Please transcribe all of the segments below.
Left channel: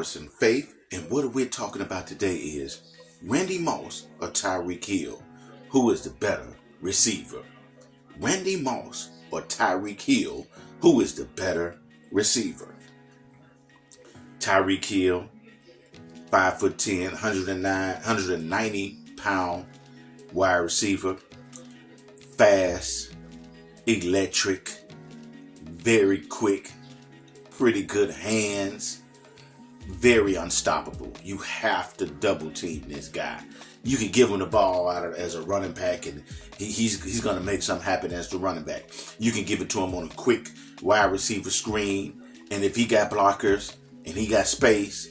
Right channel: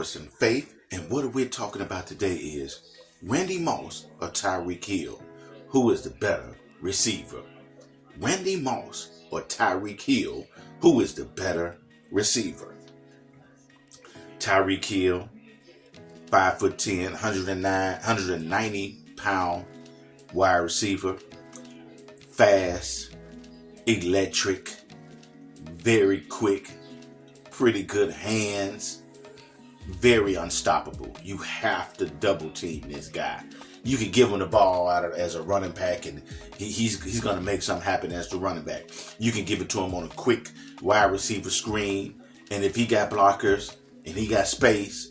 Sports and Faith, and what we're talking about today is Randy Moss or Tyreke Hill. Who is the better receiver? Randy Moss or Tyreke Hill, who is the better receiver? Tyreke Hill, 5'10", 190-pound wide receiver, fast, electric, very quick, pretty good hands, very unstoppable. You have to double team this guy. You can give him the ball as a running back, and he's going to make something happen as the running back. You can give it to him on a quick wide receiver screen, and if he got blockers and he got space,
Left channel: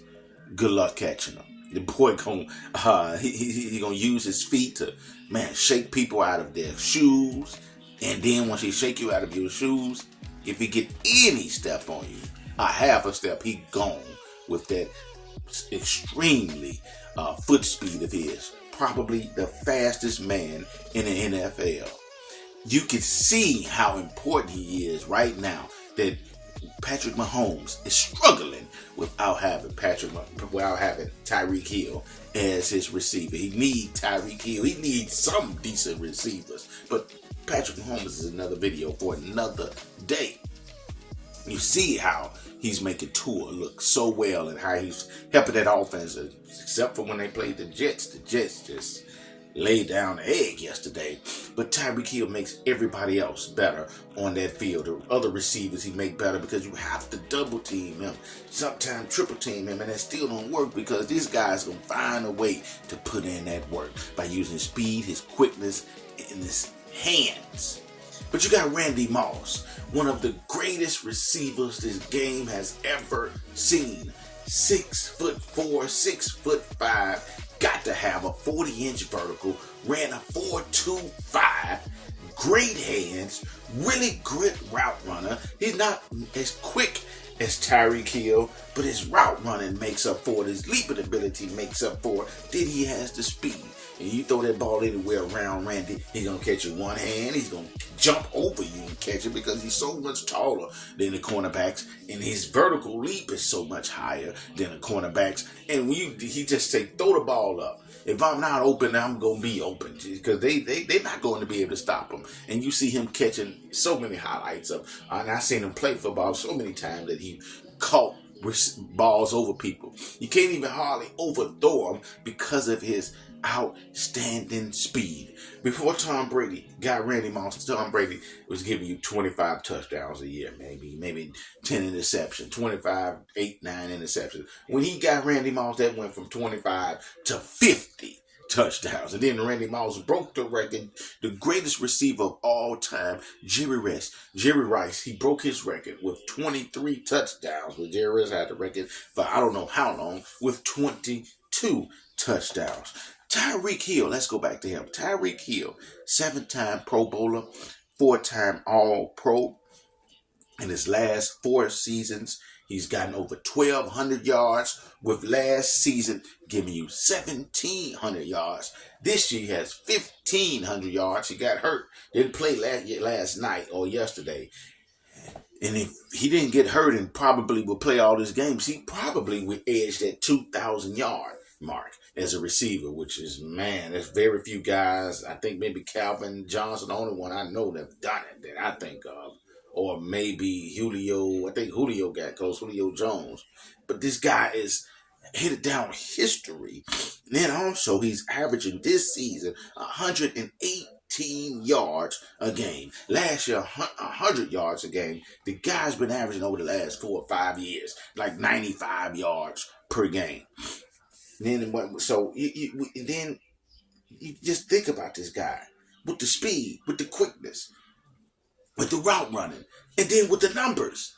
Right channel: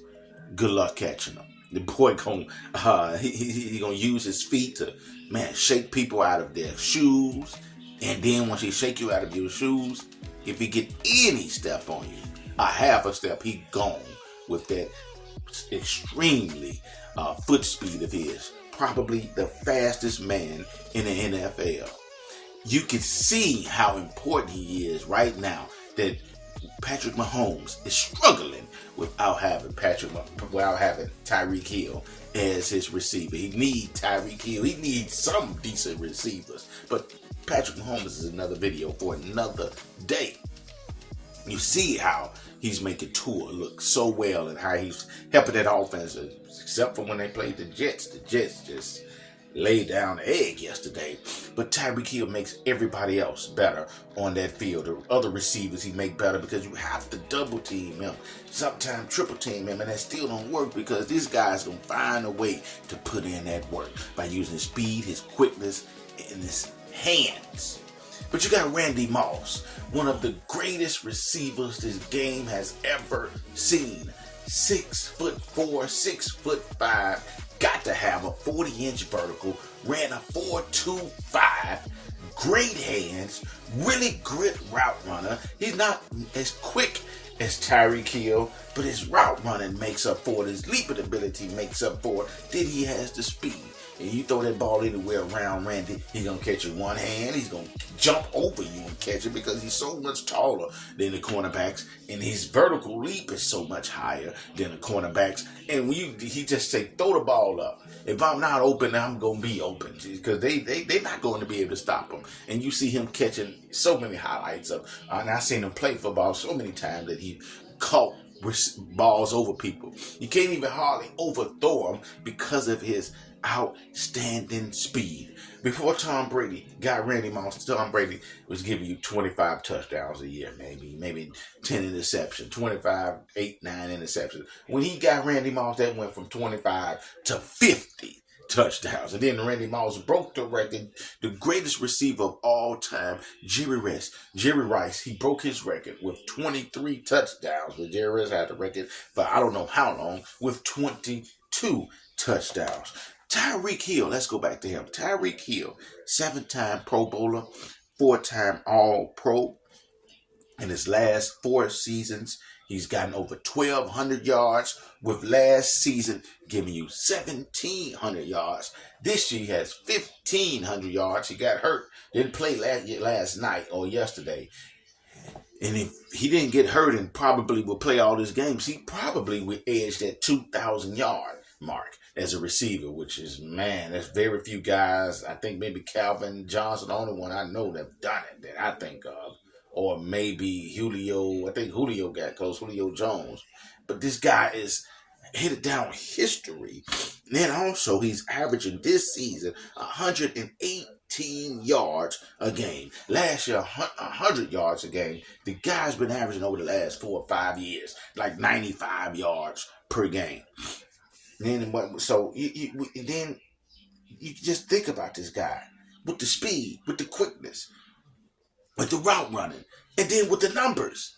good luck catching him. The boy gonna use his feet to shake people out of their shoes, and then once he shake you out of your shoes, if he get any step on you, a half a step, he gone with that extremely foot speed of his. Probably the fastest man in the NFL. You can see how important he is right now that Patrick Mahomes is struggling without having Tyreke Hill as his receiver. He needs Tyreke Hill. He needs some decent receivers. But Patrick Mahomes is another video for another day. You see how he's making Tua look so well and how he's helping that offense, except for when they played the Jets. The Jets just laid down the egg yesterday. But Tyreke Hill makes everybody else better on that field. The other receivers he make better because you have to double team him, sometimes triple team him, and that still don't work because this guy's going to find a way to put in that work by using his speed, his quickness, and his hands. But you got Randy Moss, one of the greatest receivers this game has ever seen. 6'4", 6'5", got to have a 40-inch vertical, ran a 4.25, great hands, really great route runner. He's not as quick as Tyreke Hill, but his route running makes up for it. His leaping ability makes up for it. Then he has the speed. And you throw that ball anywhere around Randy, he's going to catch it one hand. He's going to jump over you and catch it because he's so much taller than the cornerbacks. And his vertical leap is so much higher than the cornerbacks. And when he just say, throw the ball up. If I'm not open, I'm going to be open. Because they're not going to be able to stop him. And you see him catching so many highlights of. And I've seen him play football so many times that he caught balls over people. You can't even hardly overthrow him because of his outstanding speed. Before Tom Brady got Randy Moss, Tom Brady was giving you 25 touchdowns a year, maybe 10 interceptions, 25, 8, 9 interceptions. When he got Randy Moss, that went from 25 to 50 touchdowns. And then Randy Moss broke the record, the greatest receiver of all time, Jerry Rice. He broke his record with 23 touchdowns. But Jerry Rice had the record for I don't know how long with 22 touchdowns. Tyreke Hill, let's go back to him. Tyreke Hill, 7-time Pro Bowler, 4-time All-Pro. In his last 4 seasons, he's gotten over 1,200 yards, with last season giving you 1,700 yards. This year he has 1,500 yards. He got hurt. Didn't play last night or yesterday. And if he didn't get hurt and probably will play all his games, he probably would edge that 2,000-yard mark as a receiver, which is, there's very few guys. I think maybe Calvin Johnson, the only one I know that's done it that I think of. Or maybe Julio. I think Julio got close, Julio Jones. But this guy is headed down history. And then also he's averaging this season 118 yards a game. Last year, 100 yards a game. The guy's been averaging over the last 4 or 5 years, like 95 yards per game. Then you just think about this guy with the speed, with the quickness, with the route running, and then with the numbers.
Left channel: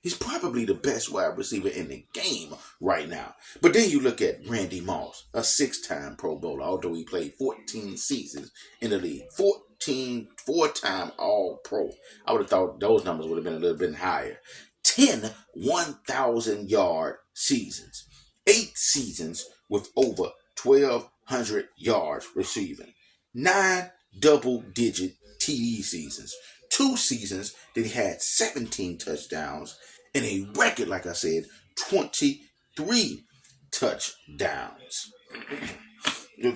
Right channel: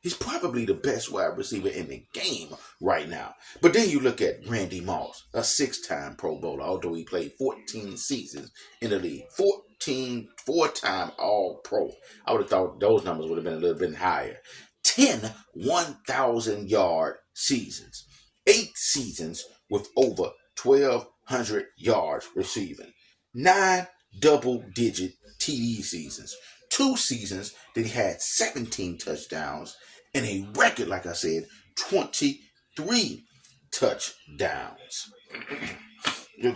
He's probably the best wide receiver in the game right now. But then you look at Randy Moss, a 6-time Pro Bowler, although he played 14 seasons in the league. 4-time All-Pro. I would have thought those numbers would have been a little bit higher. 10 1,000-yard seasons. 8 seasons with over 1,200 yards receiving. 9 double-digit TD seasons. 2 seasons that he had 17 touchdowns and a record, like I said, 22 3 touchdowns. The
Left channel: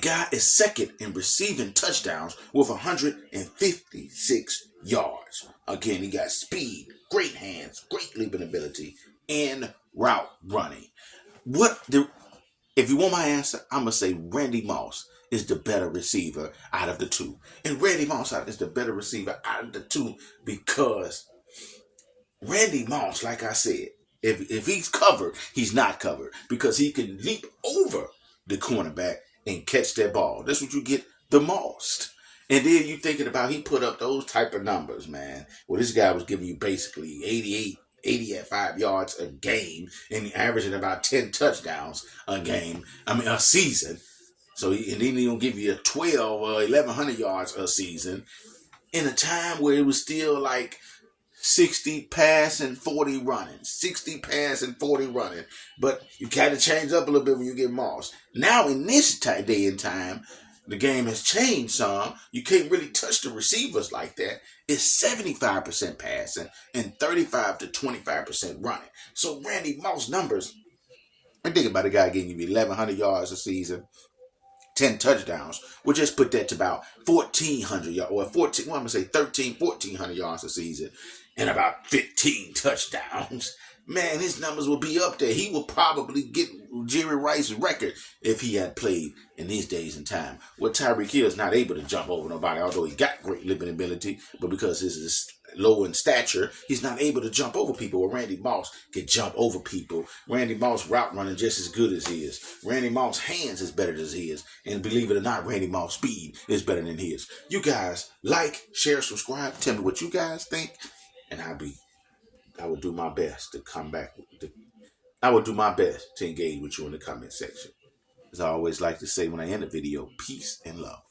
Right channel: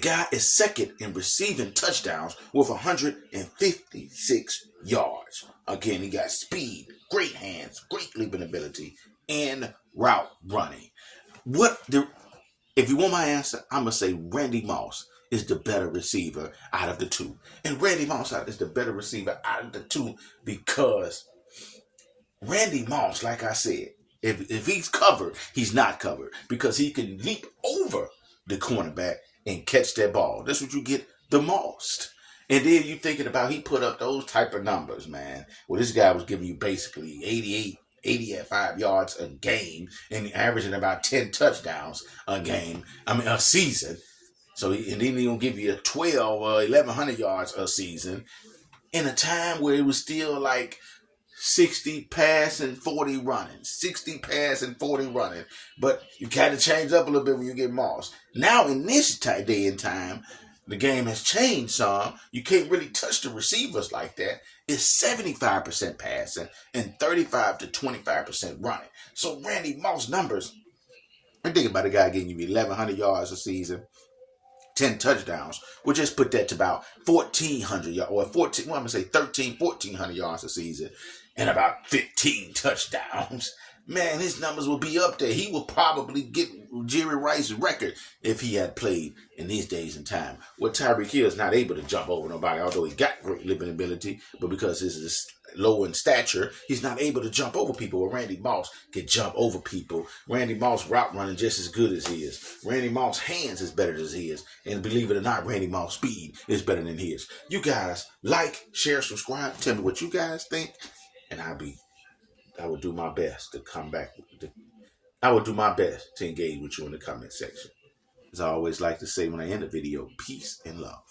guy is second in receiving touchdowns with 156 yards. Again, he got speed, great hands, great leaping ability, and route running. If you want my answer, I'm going to say Randy Moss is the better receiver out of the two. And Randy Moss is the better receiver out of the two because Randy Moss, like I said, if he's covered, he's not covered because he can leap over the cornerback and catch that ball. That's what you get the most. And then you thinking about he put up those type of numbers, man. Well, this guy was giving you basically 85 yards a game and averaging about 10 touchdowns a season. So and then he's going to give you 12 or 1,100 yards a season in a time where it was still like 60 pass and 40 running. 60 pass and 40 running. But you kind of change up a little bit when you get Moss. Now in this day and time, the game has changed some. You can't really touch the receivers like that. It's 75% passing and 35 to 25% running. So Randy Moss numbers, and think about a guy getting you 1,100 yards a season, 10 touchdowns. We'll just put that to about 1,400 yards, or 14, well, I'm going to say 1,400 yards a season, and about 15 touchdowns. Man, his numbers will be up there. He will probably get Jerry Rice's record if he had played in these days and time. Well, Tyreke is not able to jump over nobody, although he got great living ability, but because he's low in stature, he's not able to jump over people. Where Randy Moss can jump over people. Randy Moss route running just as good as his. Randy Moss hands is better than his. And believe it or not, Randy Moss speed is better than his. You guys like, share, subscribe. Tell me what you guys think. And I will do my best to come back. I will do my best to engage with you in the comment section. As I always like to say when I end the video, peace and love.